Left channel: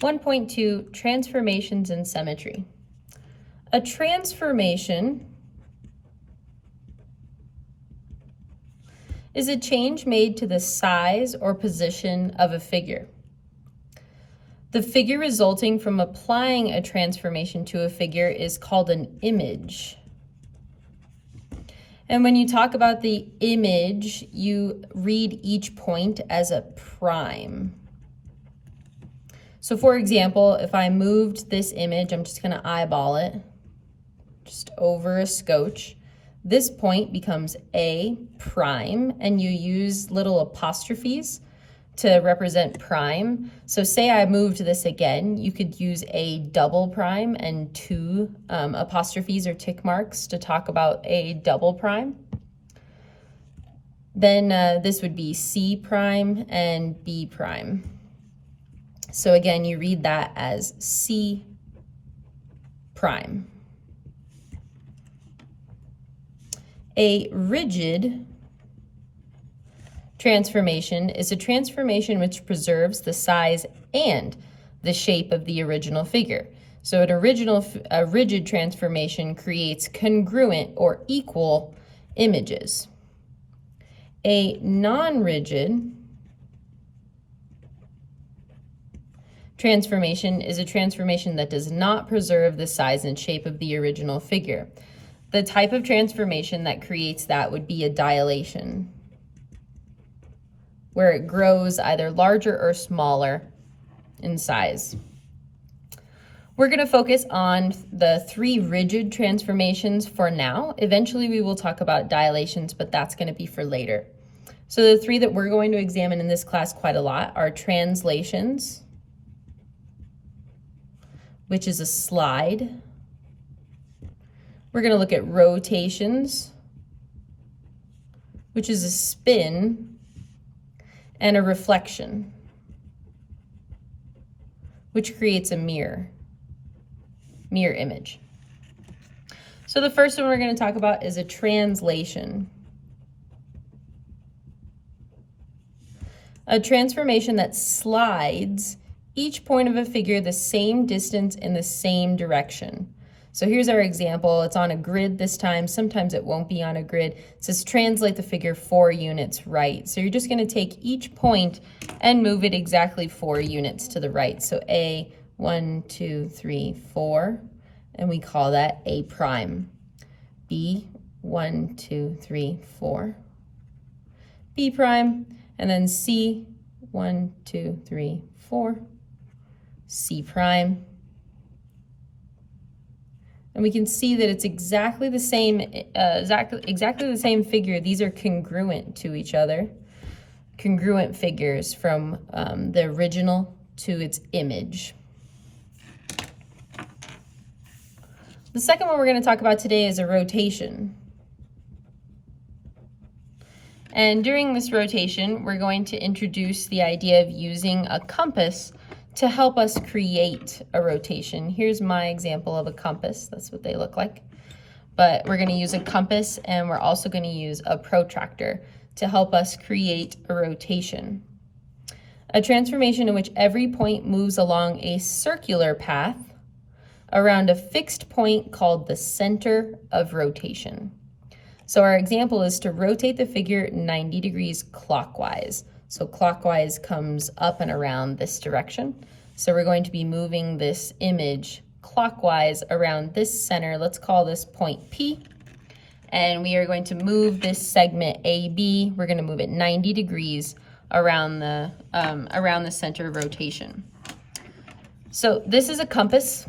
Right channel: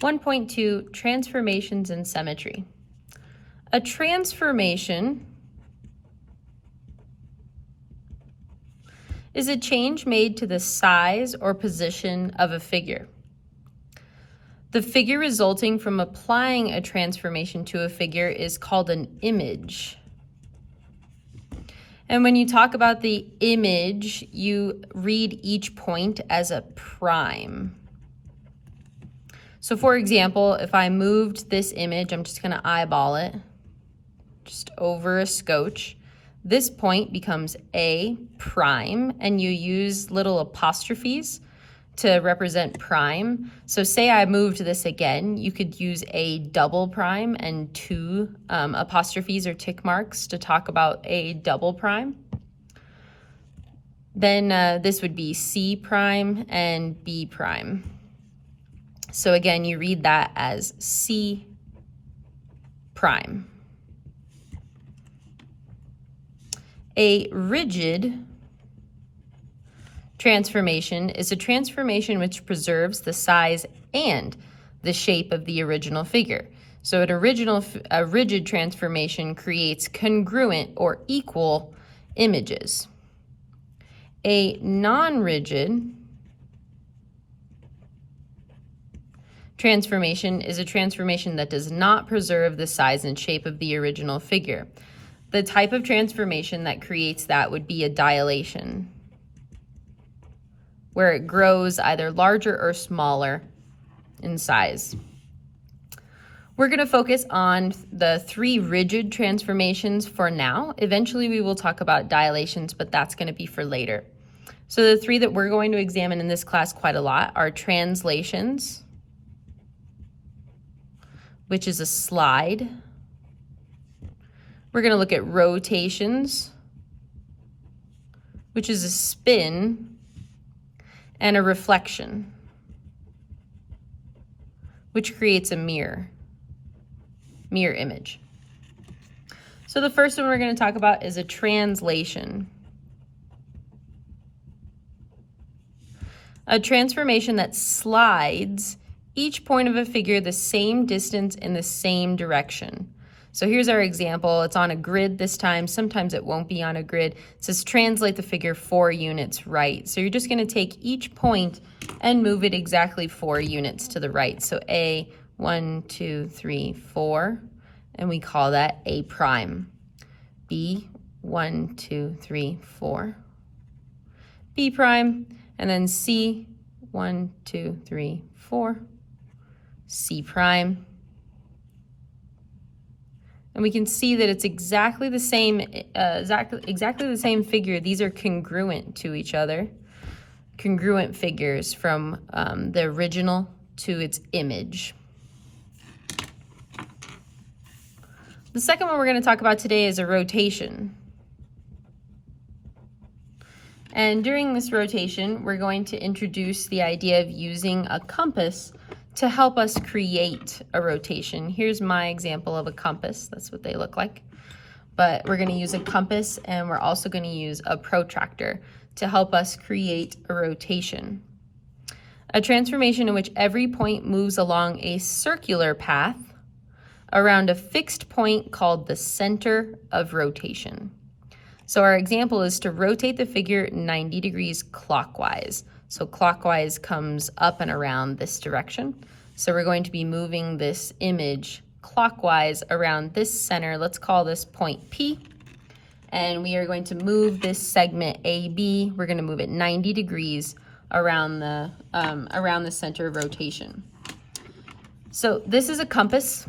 1.2, Transformations and Symmetry. A transformation is a change made to the size or position of a figure. The figure resulting from applying a transformation to a figure is called an image. And when you talk about the image, you read each point as a prime. So for example, if I moved this image, I'm just going to eyeball it, just over a scotch. This point becomes A prime, and you use little apostrophes to represent prime. So say I moved this again, you could use a double prime and two apostrophes or tick marks to talk about a double prime. Then this would be C prime and B prime. So again, you read that as C prime. A rigid transformation is a transformation which preserves the size and the shape of the original figure. So a rigid transformation creates congruent or equal images. A non-rigid transformation is a transformation that does not preserve the size and shape of the original figure. The type of transformation that creates that would be a dilation, where it grows either larger or smaller in size. We're going to focus on the 3 rigid transformations for now. Eventually we will talk about dilations, but that's going to be for later. So the 3 that we're going to examine in this class quite a lot are translations, which is a slide. We're going to look at rotations, which is a spin, and a reflection, which creates a mirror image. So the first one we're going to talk about is a translation. A transformation that slides each point of a figure the same distance in the same direction. So here's our example. It's on a grid this time. Sometimes it won't be on a grid. It says translate the figure 4 units right. So you're just going to take each point and move it exactly 4 units to the right. So A, 1, 2, 3, 4, and we call that A prime. B, 1, 2, 3, 4. B prime, and then C, 1, 2, 3, 4. C prime. And we can see that it's exactly the same, exactly the same figure. These are congruent to each other, congruent figures from the original to its image. The second one we're going to talk about today is a rotation. And during this rotation, we're going to introduce the idea of using a compass to help us create a rotation. Here's my example of a compass. That's what they look like. But we're going to use a compass, and we're also going to use a protractor to help us create a rotation. A transformation in which every point moves along a circular path around a fixed point called the center of rotation. So our example is to rotate the figure 90 degrees clockwise. So clockwise comes up and around this direction. So we're going to be moving this image clockwise around this center. Let's call this point P. And we are going to move this segment AB. We're going to move it 90 degrees around the center of rotation. So this is a compass.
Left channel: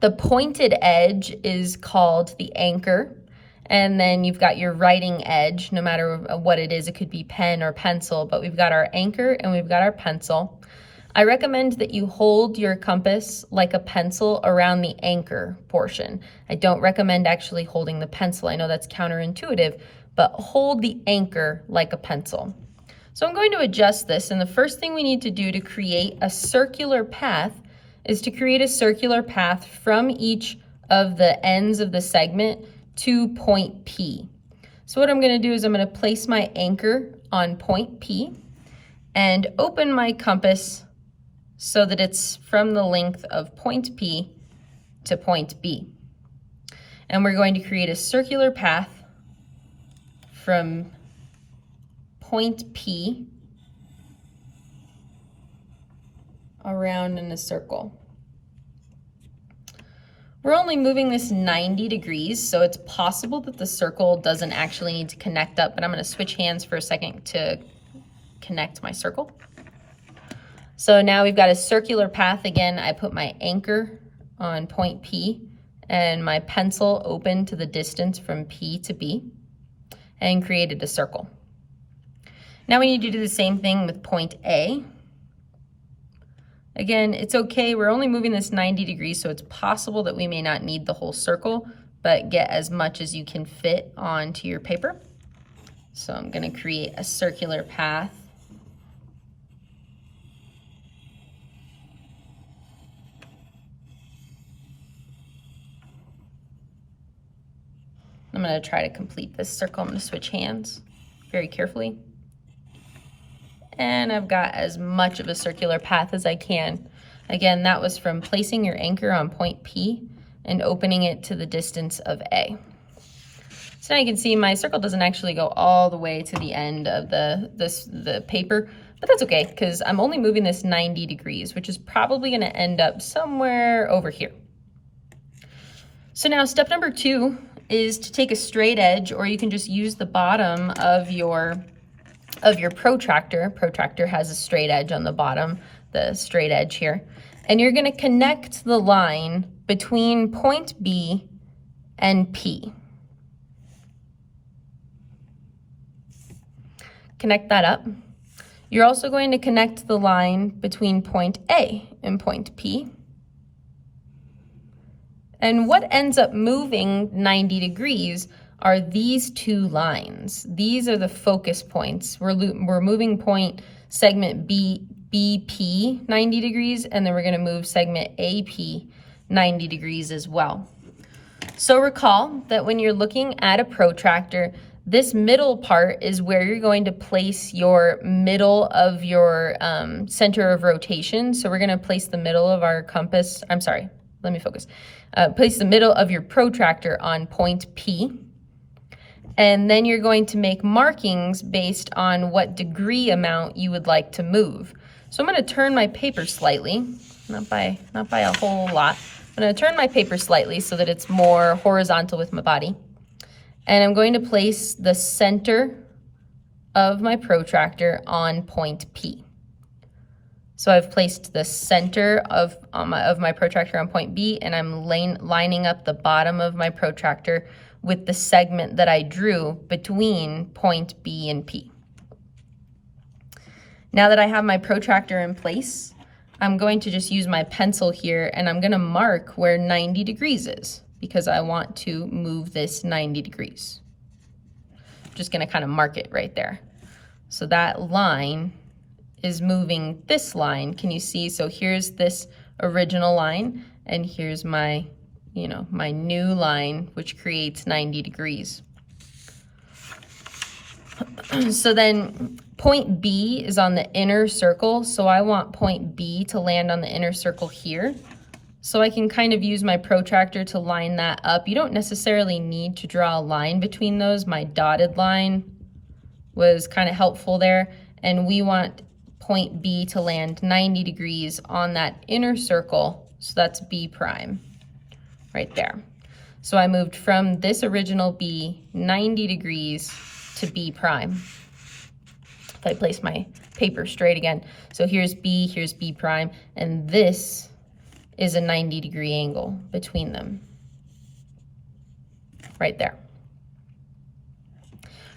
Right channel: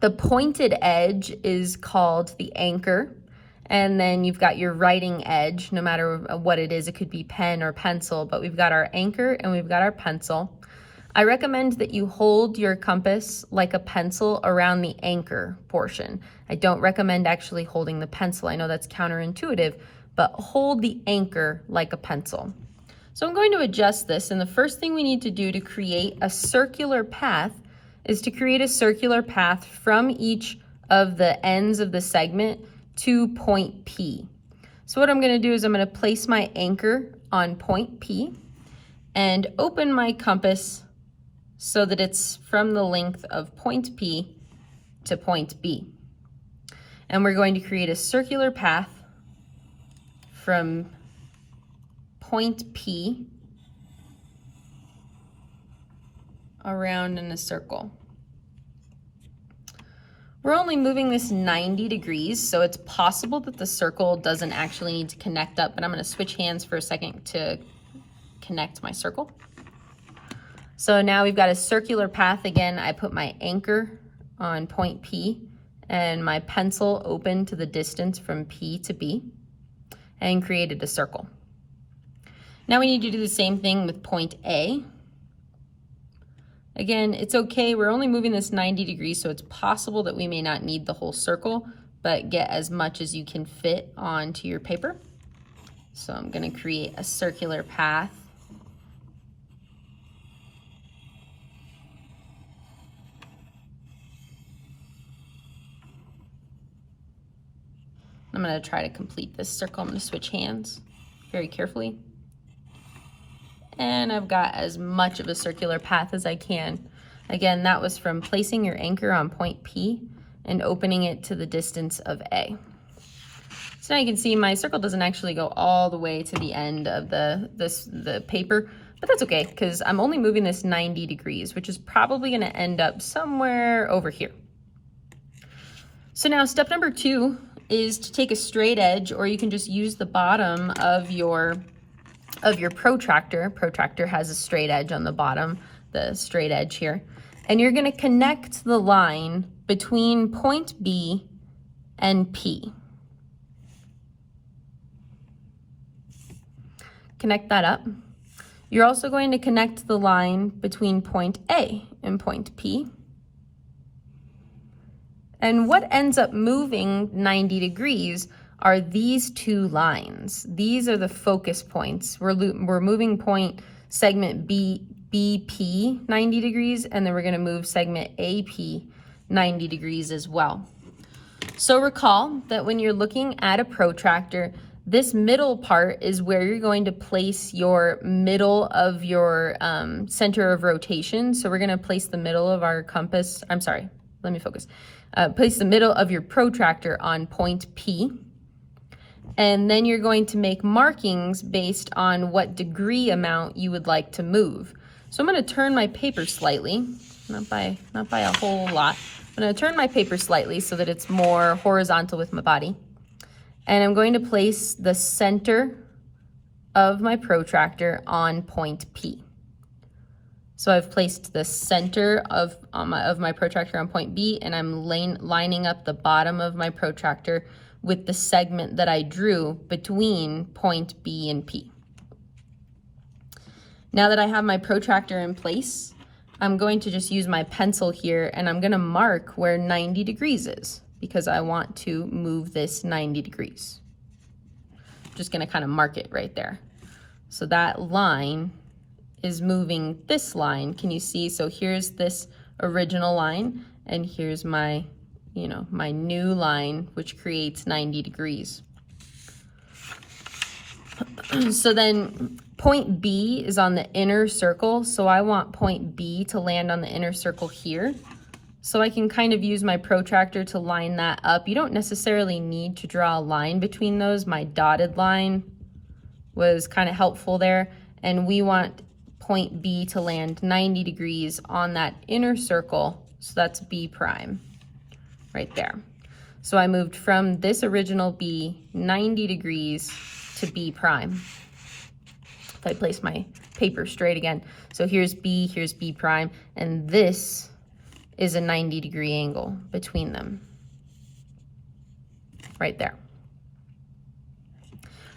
The pointed edge is called the anchor. And then you've got your writing edge, no matter what it is. It could be pen or pencil, but we've got our anchor and we've got our pencil. I recommend that you hold your compass like a pencil around the anchor portion. I don't recommend actually holding the pencil. I know that's counterintuitive, but hold the anchor like a pencil. So I'm going to adjust this, and the first thing we need to do to create a circular path is to create a circular path from each of the ends of the segment to point P. So what I'm going to do is I'm going to place my anchor on point P and open my compass so that it's from the length of point P to point B. And we're going to create a circular path from point P around in a circle. We're only moving this 90 degrees, so it's possible that the circle doesn't actually need to connect up, but I'm going to switch hands for a second to connect my circle. So now we've got a circular path again. I put my anchor on point P and my pencil open to the distance from P to B and created a circle. Now we need to do the same thing with point A. Again, it's okay, we're only moving this 90 degrees, so it's possible that we may not need the whole circle, but get as much as you can fit onto your paper. So I'm going to create a circular path. I'm going to try to complete this circle. I'm going to switch hands very carefully. And I've got as much of a circular path as I can. Again, that was from placing your anchor on point P and opening it to the distance of A. So now you can see my circle doesn't actually go all the way to the end of the paper, but that's okay because I'm only moving this 90 degrees, which is probably going to end up somewhere over here. So now step number 2 is to take a straight edge, or you can just use the bottom of your protractor. Protractor has a straight edge on the bottom, the straight edge here. And you're going to connect the line between point B and P. Connect that up. You're also going to connect the line between point A and point P. And what ends up moving 90 degrees are these two lines. These are the focus points. We're moving point segment BP 90 degrees, and then we're going to move segment AP 90 degrees as well. So recall that when you're looking at a protractor, this middle part is where you're going to place your middle of your center of rotation. So we're going to place the middle of our compass, place the middle of your protractor on point P. And then you're going to make markings based on what degree amount you would like to move. So I'm going to turn my paper slightly, not by a whole lot. I'm going to turn my paper slightly so that it's more horizontal with my body. And I'm going to place the center of my protractor on point P. So I've placed the center of my protractor on point B, and I'm lining up the bottom of my protractor with the segment that I drew between point B and P. Now that I have my protractor in place, I'm going to just use my pencil here, and I'm going to mark where 90 degrees is because I want to move this 90 degrees. I'm just going to kind of mark it right there. So that line is moving this line. Can you see? So here's this original line, and here's my my new line, which creates 90 degrees. So then point B is on the inner circle, so I want point B to land on the inner circle here. So I can kind of use my protractor to line that up. You don't necessarily need to draw a line between those. My dotted line was kind of helpful there, and we want point B to land 90 degrees on that inner circle, so that's B prime. Right there. So I moved from this original B 90 degrees to B prime. If I place my paper straight again. So here's B prime, and this is a 90-degree angle between them. Right there.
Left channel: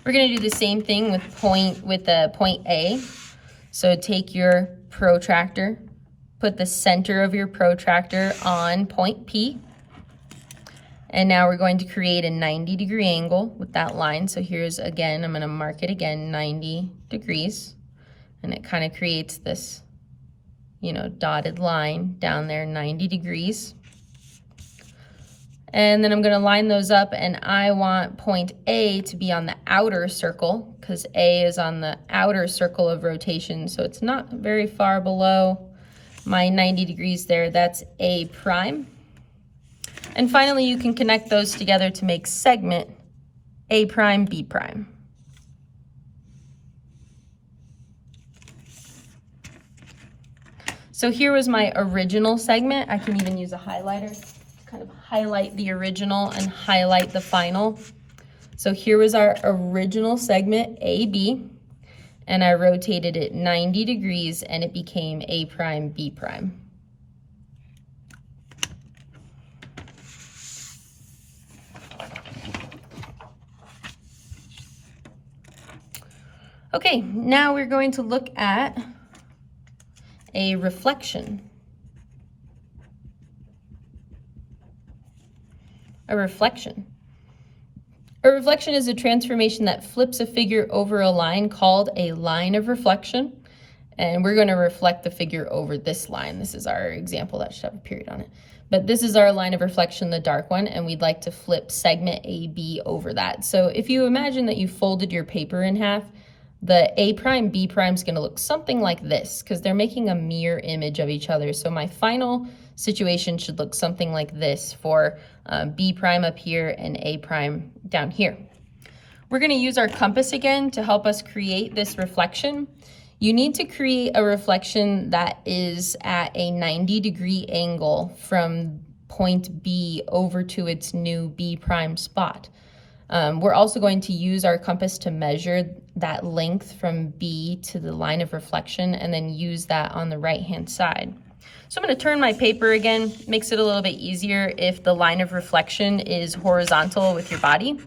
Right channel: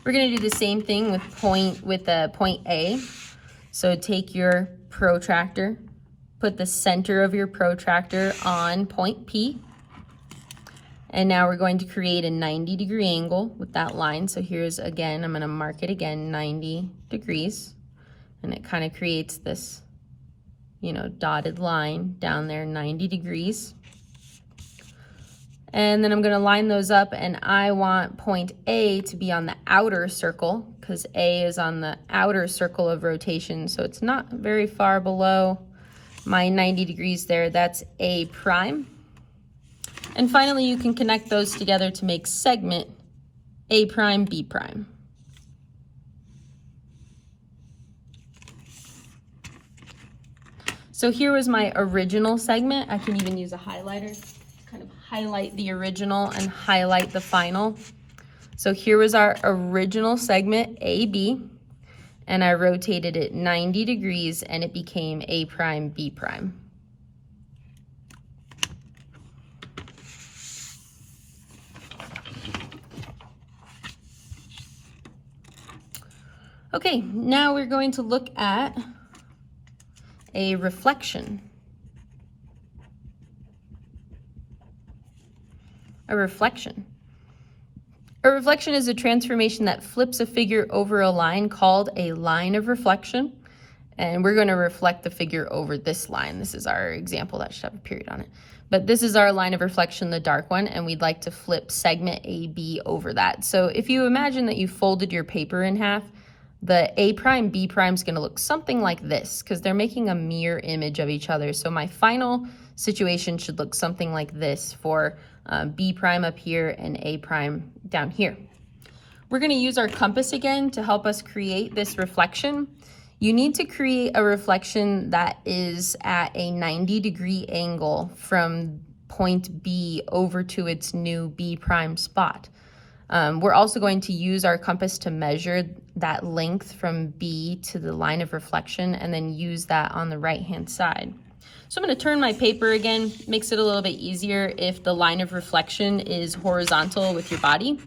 We're going to do the same thing with point A. So take your protractor, put the center of your protractor on point P. And now we're going to create a 90-degree angle with that line. So here's, again, I'm going to mark it again, 90 degrees. And it kind of creates this, dotted line down there, 90 degrees. And then I'm going to line those up, and I want point A to be on the outer circle because A is on the outer circle of rotation, so it's not very far below. my 90 degrees there, that's A prime. And finally, you can connect those together to make segment A prime, B prime. So here was my original segment. I can even use a highlighter to kind of highlight the original and highlight the final. So here was our original segment, AB, and I rotated it 90 degrees and it became A prime, B prime. Okay, now we're going to look at a reflection. A reflection. A reflection is a transformation that flips a figure over a line called a line of reflection. And we're going to reflect the figure over this line. This is our example that should have a period on it. But this is our line of reflection, the dark one, and we'd like to flip segment AB over that. So if you imagine that you folded your paper in half, the A prime, B prime is going to look something like this because they're making a mirror image of each other. So my final situation should look something like this for B prime up here and A prime down here. We're going to use our compass again to help us create this reflection. You need to create a reflection that is at a 90-degree angle from point B over to its new B prime spot. We're also going to use our compass to measure that length from B to the line of reflection and then use that on the right-hand side. So I'm going to turn my paper again. Makes it a little bit easier if the line of reflection is horizontal with your body.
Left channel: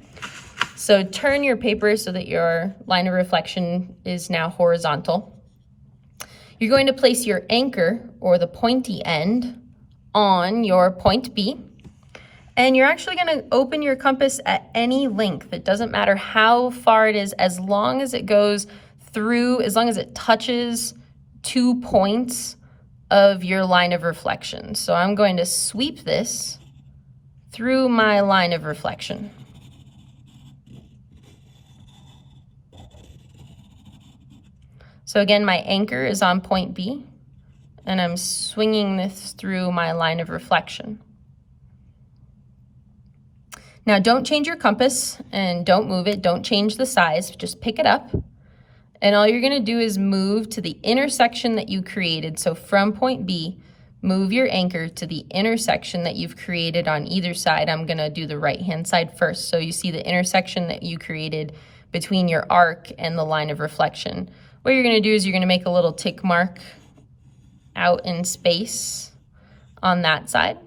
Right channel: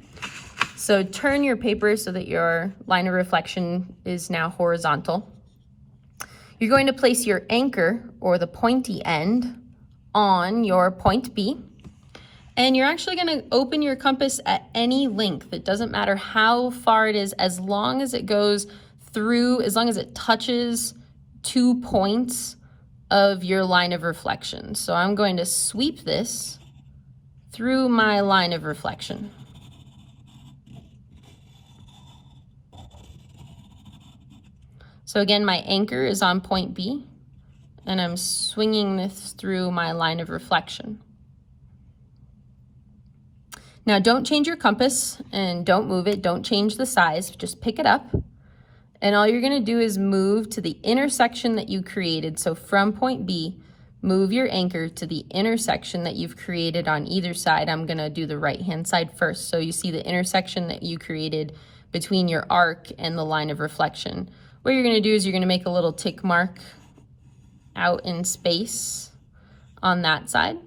So turn your paper so that your line of reflection is now horizontal. You're going to place your anchor, or the pointy end, on your point B. And you're actually going to open your compass at any length. It doesn't matter how far it is, as long as it goes through, as long as it touches 2 points of your line of reflection. So I'm going to sweep this through my line of reflection. So again, my anchor is on point B, and I'm swinging this through my line of reflection. Now don't change your compass and don't move it, don't change the size, just pick it up. And all you're gonna do is move to the intersection that you created. So from point B, move your anchor to the intersection that you've created on either side. I'm gonna do the right-hand side first. So you see the intersection that you created between your arc and the line of reflection. What you're gonna do is you're gonna make a little tick mark out in space on that side.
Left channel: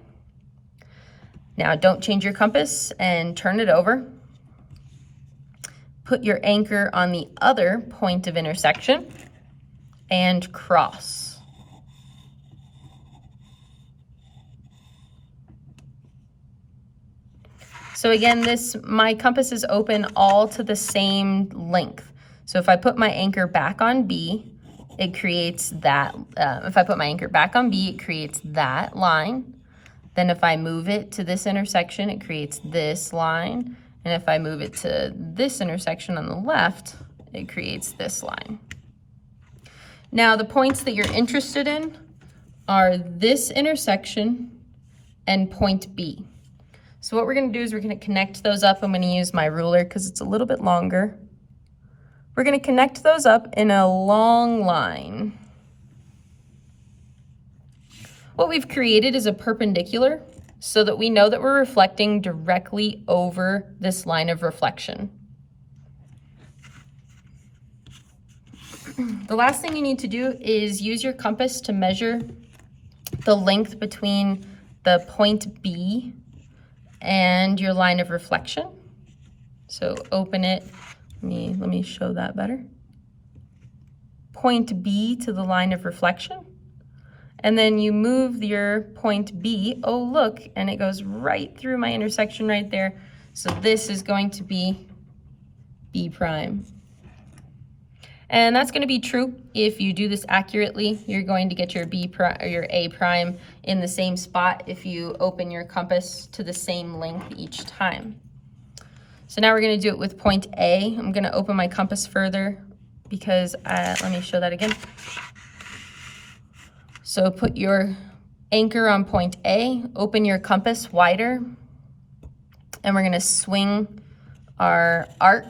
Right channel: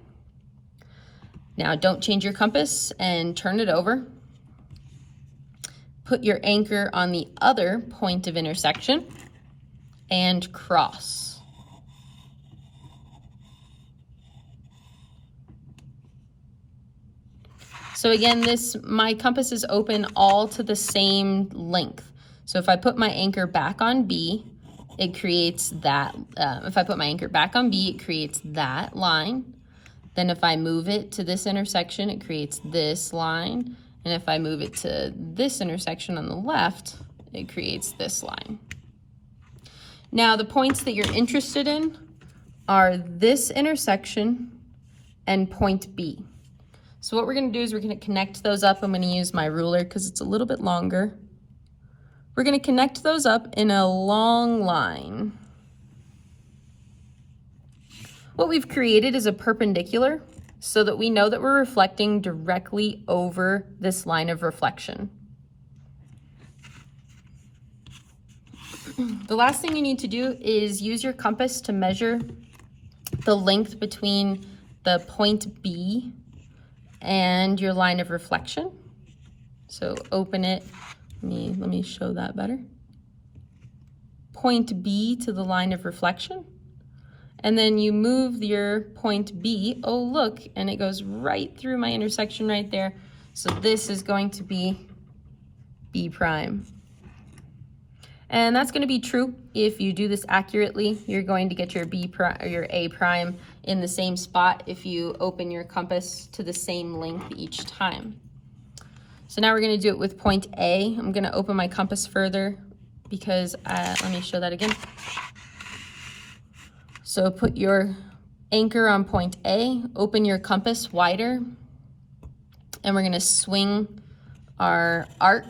Now don't change your compass and turn it over. Put your anchor on the other point of intersection and cross. So again, my compass is open all to the same length. So if I put my anchor back on B, it creates that. If I put my anchor back on B, it creates that line. Then if I move it to this intersection, it creates this line. And if I move it to this intersection on the left, it creates this line. Now the points that you're interested in are this intersection and point B. So what we're gonna do is we're gonna connect those up. I'm gonna use my ruler because it's a little bit longer. We're gonna connect those up in a long line. What we've created is a perpendicular so that we know that we're reflecting directly over this line of reflection. The last thing you need to do is use your compass to measure the length between the point B and your line of reflection. So open it, let me show that better. Point B to the line of reflection. And then you move your point B, oh look, and it goes right through my intersection right there. So this is going to be B prime. And that's gonna be true if you do this accurately. You're going to get your B prime or your A prime in the same spot if you open your compass to the same length each time. So now we're gonna do it with point A. I'm gonna open my compass further because, let me show that again. So put your anchor on point A, open your compass wider, and we're going to swing our arc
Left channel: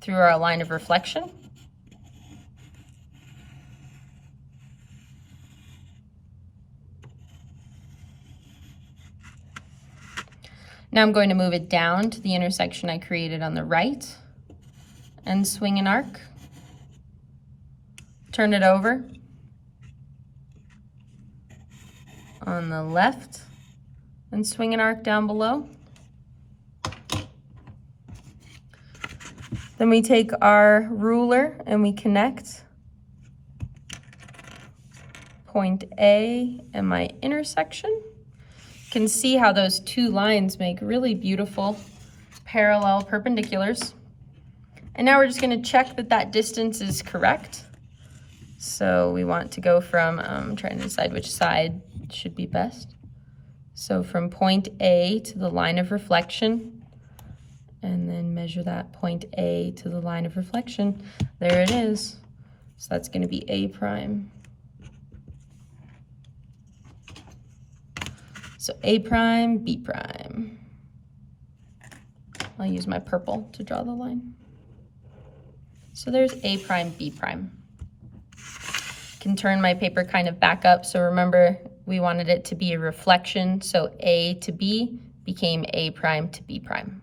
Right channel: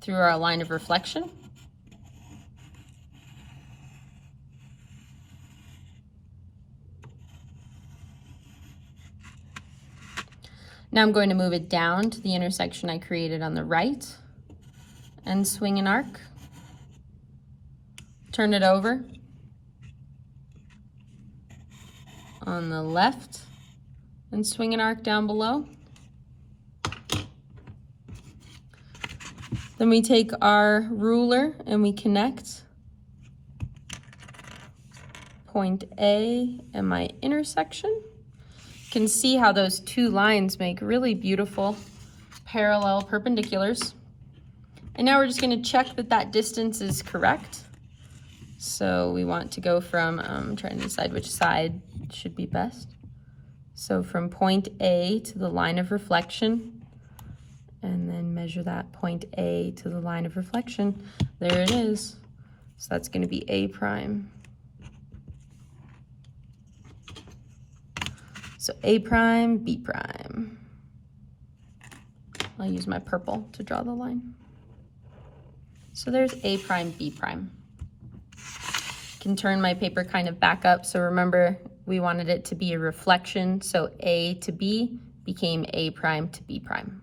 through our line of reflection. Now I'm going to move it down to the intersection I created on the right and swing an arc. Turn it over on the left and swing an arc down below. Then we take our ruler and we connect point A and my intersection. You can see how those two lines make really beautiful parallel perpendiculars. And now we're just going to check that that distance is correct. So we want to go from, I'm trying to decide which side should be best. So from point A to the line of reflection, and then measure that point A to the line of reflection. There it is. So that's going to be A prime. So A prime, B prime. I'll use my purple to draw the line. So there's A prime, B prime. Can turn my paper kind of back up. So remember, we wanted it to be a reflection. So A to B became A prime to B prime.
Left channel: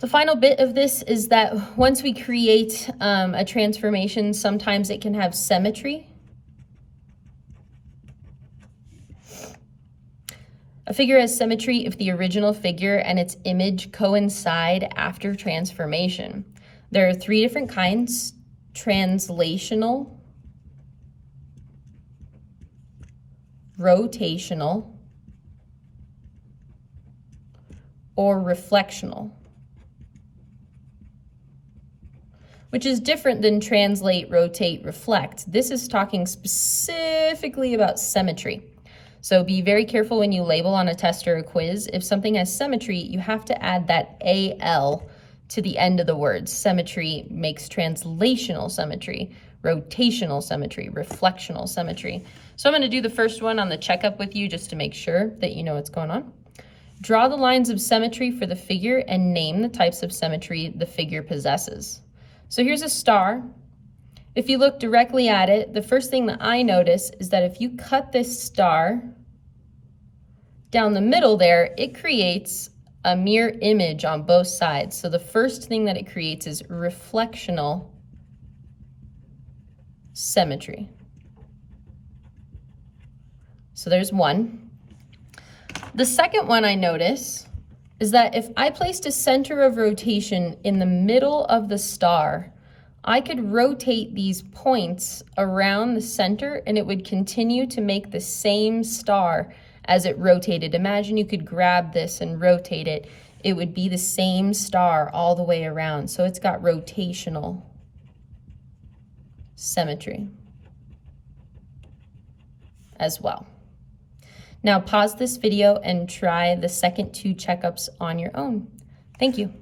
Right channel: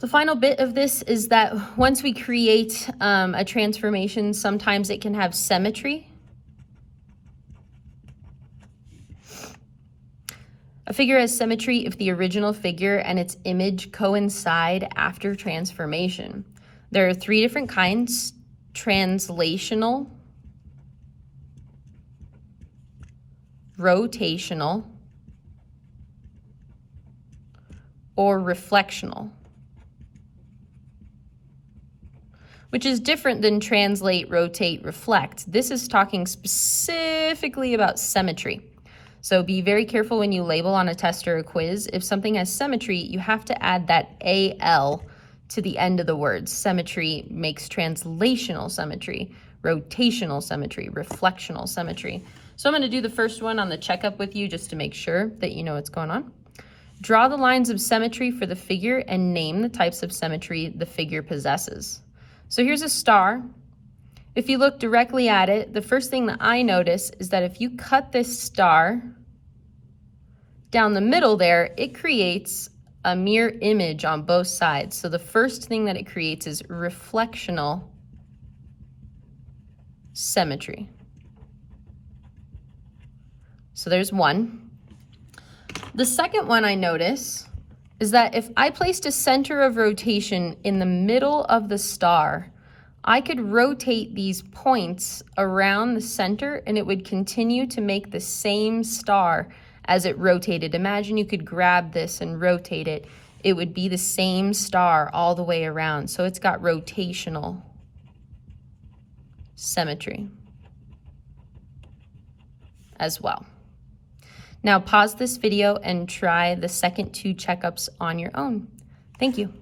The final bit of this is that once we create a transformation, sometimes it can have symmetry. A figure has symmetry if the original figure and its image coincide after transformation. There are three different kinds: translational, rotational, or reflectional, which is different than translate, rotate, reflect. This is talking specifically about symmetry. So be very careful when you label on a test or a quiz. If something has symmetry, you have to add that AL to the end of the word. Symmetry makes translational symmetry, rotational symmetry, reflectional symmetry. So I'm going to do the first one on the checkup with you just to make sure that you know what's going on. Draw the lines of symmetry for the figure and name the types of symmetry the figure possesses. So here's a star. If you look directly at it, the first thing that I notice is that if you cut this star down the middle there, it creates a mirror image on both sides. So the first thing that it creates is reflectional symmetry. So there's one. The second one I notice is that if I placed a center of rotation in the middle of the star, I could rotate these points around the center and it would continue to make the same star as it rotated. Imagine you could grab this and rotate it. It would be the same star all the way around. So it's got rotational symmetry as well. Now pause this video and try the second two checkups on your own. Thank you.